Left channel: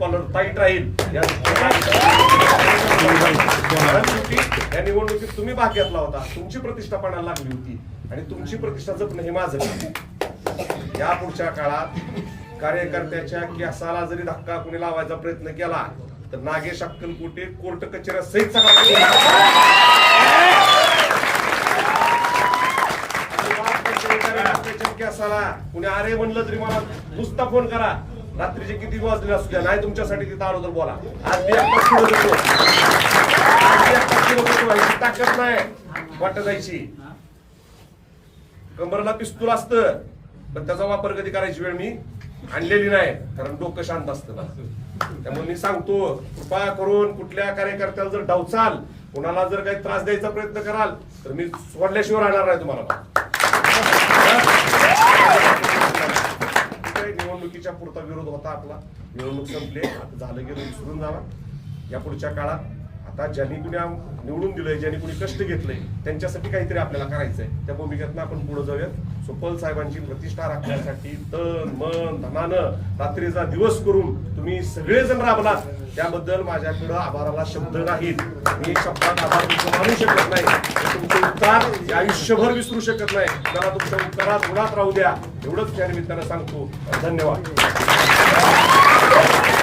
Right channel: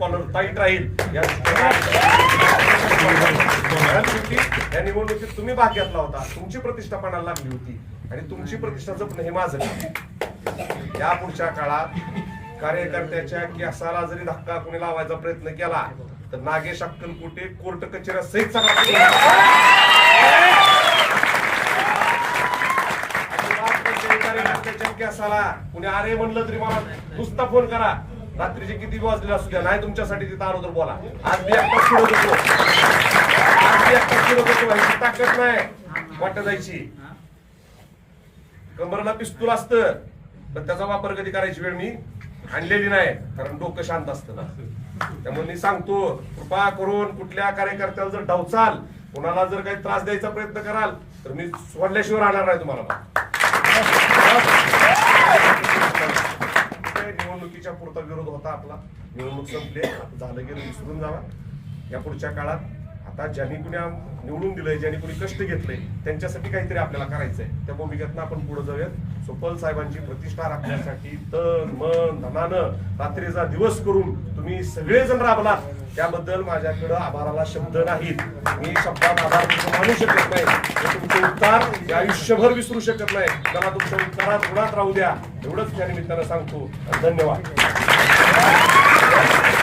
Collar tight राहील या निवडणुकीत तुम्ही भाग घेतला होता, तुमची प्रतिष्ठा पणाला लागली होती आणि तुमची प्रतिष्ठा जपणं हे माझं काम. या पुढच्या काळात कार्यकर्त्याच्या केसाला जरी धक्का कुणी लावायचा प्रयत्न केला तर नागेश अक्कलकोटे कोर्ट कचेऱ्या सहित केसाला कुणी अरे म्हणलं तरी मला नुसता फोन करा, रात्रीचे किती वाजले असू द्या, नाही तुमच्यासाठी तिथं आलो तर बोला. आज मी एकटाच फिरत होतो, ताकद नाही वाटत जायची. कमरला पिस्तूल असतं पण त्याचा वापर कधी करायची वेळ मी आणलेली नाही, कारण डोकं शांत असतं. त्यामुळे मी सांगतो, कृपा करून कुठल्या कार्यकर्त्याला जर डावचाल, कुणाला जर काही त्रास द्यायचा प्रयत्न कराल तर मी सोडल्याशिवाय राहणार नाही तुम्हाला. निवडणुकीच्या पुरता विरोध होता आपला, निवडणूक संपले, झालं गेलं विसरून जावा. या पुढच्या काळात आता ज्यांनी कुणी निवडून दिलंय, ज्यांनी कुणी कष्ट घेतलंय, त्यांच्यासाठी काहीतरी आपल्याला करायचंय. त्या भूमिकेतनं आपण पुढे जाऊयात. सुपल साहेबांची प्रतिष्ठा राखण्यासाठी तन मन धनानं रात्रीचा दिवस करून तुम्ही सगळेजण राबलात, त्याबद्दल माझ्याकडे आभाराला शब्द नाहीत. मी शब्दात आभार मानू शकत नाही, तुमचे उपकार आयुष्यभर विसरू शकत नाही. मला तुमच्या उपकारात गुणात राहू द्या, एवढंच त्या निमित्तानं सांगतो. धन्यवाद.